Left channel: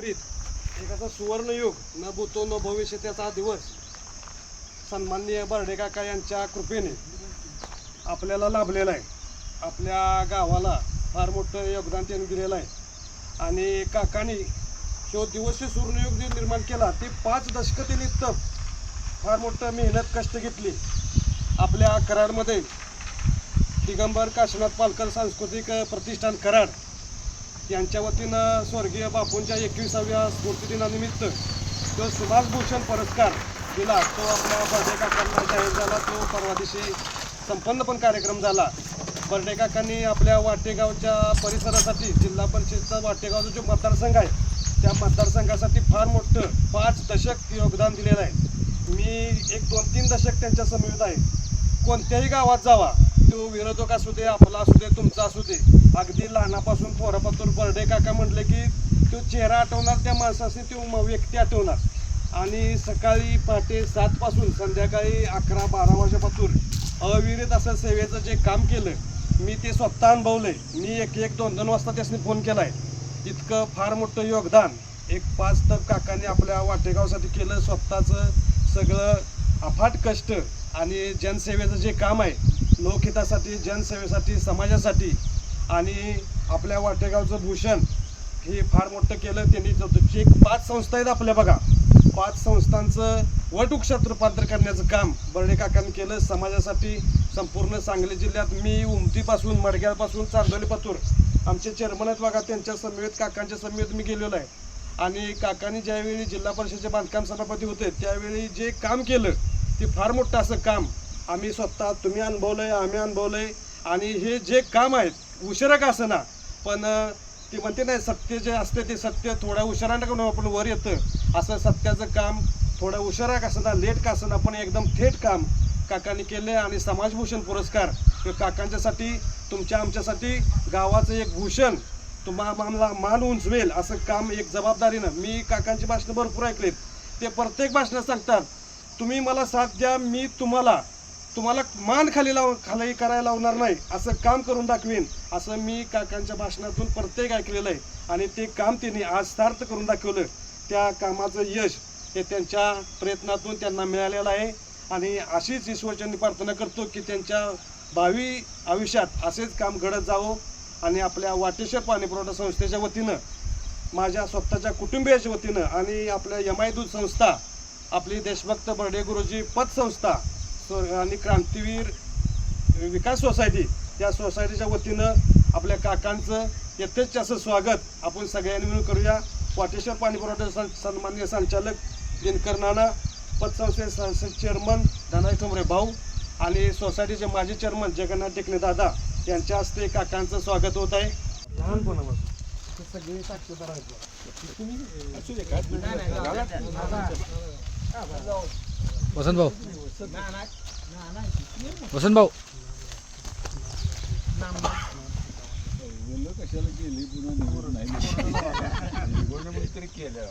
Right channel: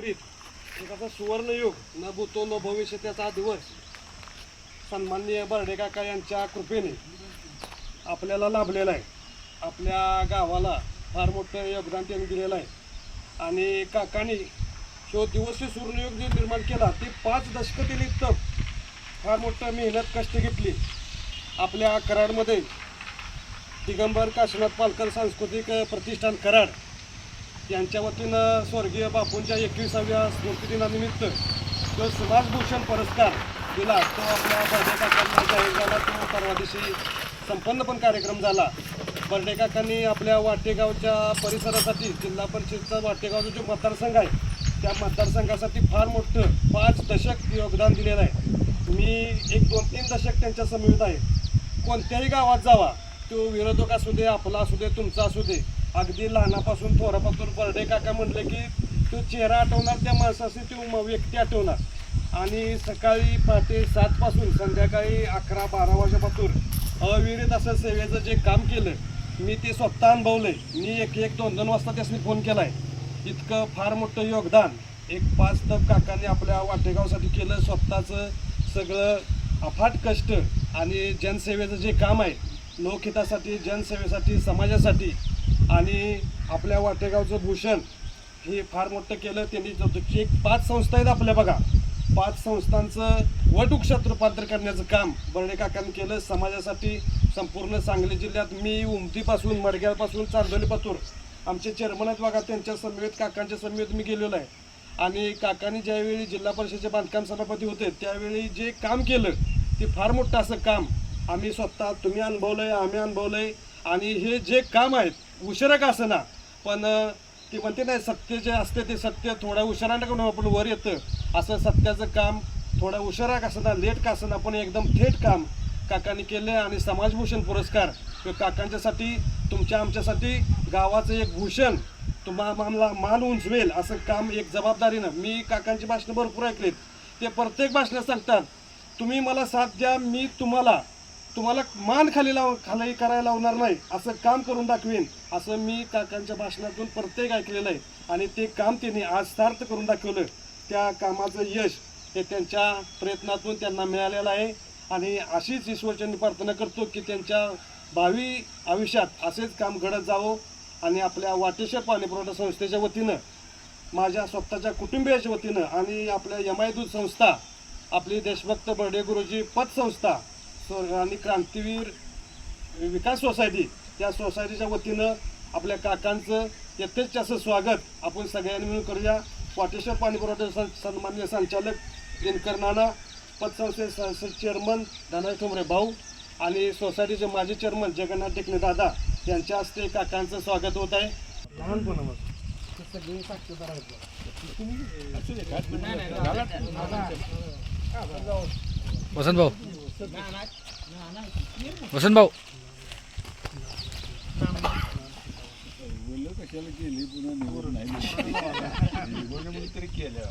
एकत्रित एक असा सुवर्णयुग न भूतो न भविष्य त्याचा दिवस सन्माननीय बर्डे काका यांच्या कृपेने आपल्याला लाभलेला आहे. आपल्या गावाला फार मोठं योगदान त्यांनी दिलेलं आहे आणि काकांनी जो दिवस सुवर्णयुग जे निर्माण केला ते 5 दशकं त्यांनी फार मोठं मेहनत कष्ट घेतली. आपल्या कराडमध्ये दिगंबर काशीनाथ पालकर सांस्कृतिक प्रतिष्ठान कराड यांच्या वतीनं स्वर्गीय बापूंच्या 21व्या स्मृतिदिनानिमित्त जो समाजभूषण पुरस्कार दिला तो आपल्या बर्डे काकांना जाहीर झाला. तो परवा दिवशी संपन्न पण कार्यक्रम झाला. बर्डे काकांनी आपल्या वाटेगावच्या परिसरासाठी जिल्हा परिषदचा वाटेगावचा जो मतदारसंघ आहे त्या मतदारसंघासाठी फार मोठं 5 दशक योगदान दिलेलं आहे. मी 1, 2, 3 दशक त्यांच्या समवेत आहे. कोणत्याही गावात जावा, तो विरोधक असू दे, आपला असू दे, तुमचा असू दे, अगदी लहानापासून थोरापासून बर्डे काका म्हटले की तो चेहरा आठवणार, त्या माणसाशी तो व्यक्ती आठवणार. आणि सकाळी पहाटे 7 पासून संध्याकाळी 11-12 वाजेपासून अविरत असं सेवेचं जे काम केलं मी ते स्वतः अनुभवलंय. मी 1-1, 2-2 वाजता त्यासनी फोन केला आहे. इतकं फार मोठं योगदान एक 5 तप काकांनी आपल्या वाटेगावसाठी केलं. स्वतःचं सगळं अफाट कष्ट आणि जनसेवेचं जे काम आहे, लोकहितासाठी, जनसेवेसाठी, समाजासाठी आणि आपल्या वाटेगावचं भूषण हे फार मोठं केलं त्यांनी. एक 5 संस्था आहेत आपल्या बघा, 5 संस्थांचं वटवृक्षात रूपांतर करण्याचं काम बर्डे काकांनी केलं समाजासाठी. संपूर्ण सांगली जिल्ह्यात मी उमतीपासून, मडग्यापासून, चांदोलीपासून आमचे चेअरमन आहेत बघा, त्यांच्या समवेत काकांच्या समवेत मी गेलेलो आहे. आणि काकांनी ज्यावेळी जिल्हा परिषदेचे बांधकाम सभापती होते त्यावेळी जे काम केलं ते फार मोठं असं काम आम्ही स्वतः, तुम्ही अनुभवलं आहे, आम्ही अनुभवलं आहे. आणि हे जे काम आहेत उशिरा का असं ना, पण ते म्हणते नाही सत्य जे असते ते सत्य थोडा उशिरानं का आपण वर येतं, असं सत्याचं काम थोडा उशिरा का असं ना, लेट का असं ना, पण एकदम थेट काम काकांनी केलं. आणि समाजभूषण पुरस्कार काकांच्यासाठी, तुमच्या आमच्यासाठी गावाचं एक भूषण तुम्हाला मान उंचवेल असं काम एक जबाबदारीनं. मी काकांची भाषणं भरपूर ऐकलीत. ते प्रत्येक भाषणात सांगतात तुम्ही मला साथ द्या, मी तुम्हाला मान खाली करायला लावणार नाही, असं काम करून दाखवीन, असं मी काकांच्या भाषणातून प्रत्येक ऐकलेलं आहे. आणि ते काम त्यांनी आज सार्थ करून दाखवलं. त्या कामाचं यश हे त्यांच्या प्रयत्नातून त्यांना मिळालेलं आहे. आणि अशीच ईश्वरचरणी प्रार्थना करतो की त्यांच्या भावी आयुष्यात असेच काम घडत जावं. आणि आपल्या वाटेश्वर पाणी पुरवठा संस्थेच्या वतीनं, माझ्या स्वतःच्या कुटुंबियाच्या वतीनं आणि आपल्या MI दूध संस्था, आपली देशभक्त बर्डे गुरुजी पतसंस्था आणि क्रांतीवीर विकास सोसायटी या सोसायटीच्या वतीनं आपल्या काकांचं यथेच्छ असं स्वागत आपण सगळ्यांनी मिळून करूया. वाटेश्वर पाणी पुरवठा सन्माननीय संचालक दिनकर नाना, पतसंस्थेचे चेअरमन धनाजी ठोंबरे भाऊ आणि सोसायटीचे माजी चेअरमन जगन्नाथ टेकणे दादा यांच्या हस्ते काकांचं स्वागत होत आहे. लहानपणापासून सगळे साक्षीदार आहेत. वसंत भाऊ वसंत भाऊ कशाला केली पुन्हा निवडून नाही तरी केलं.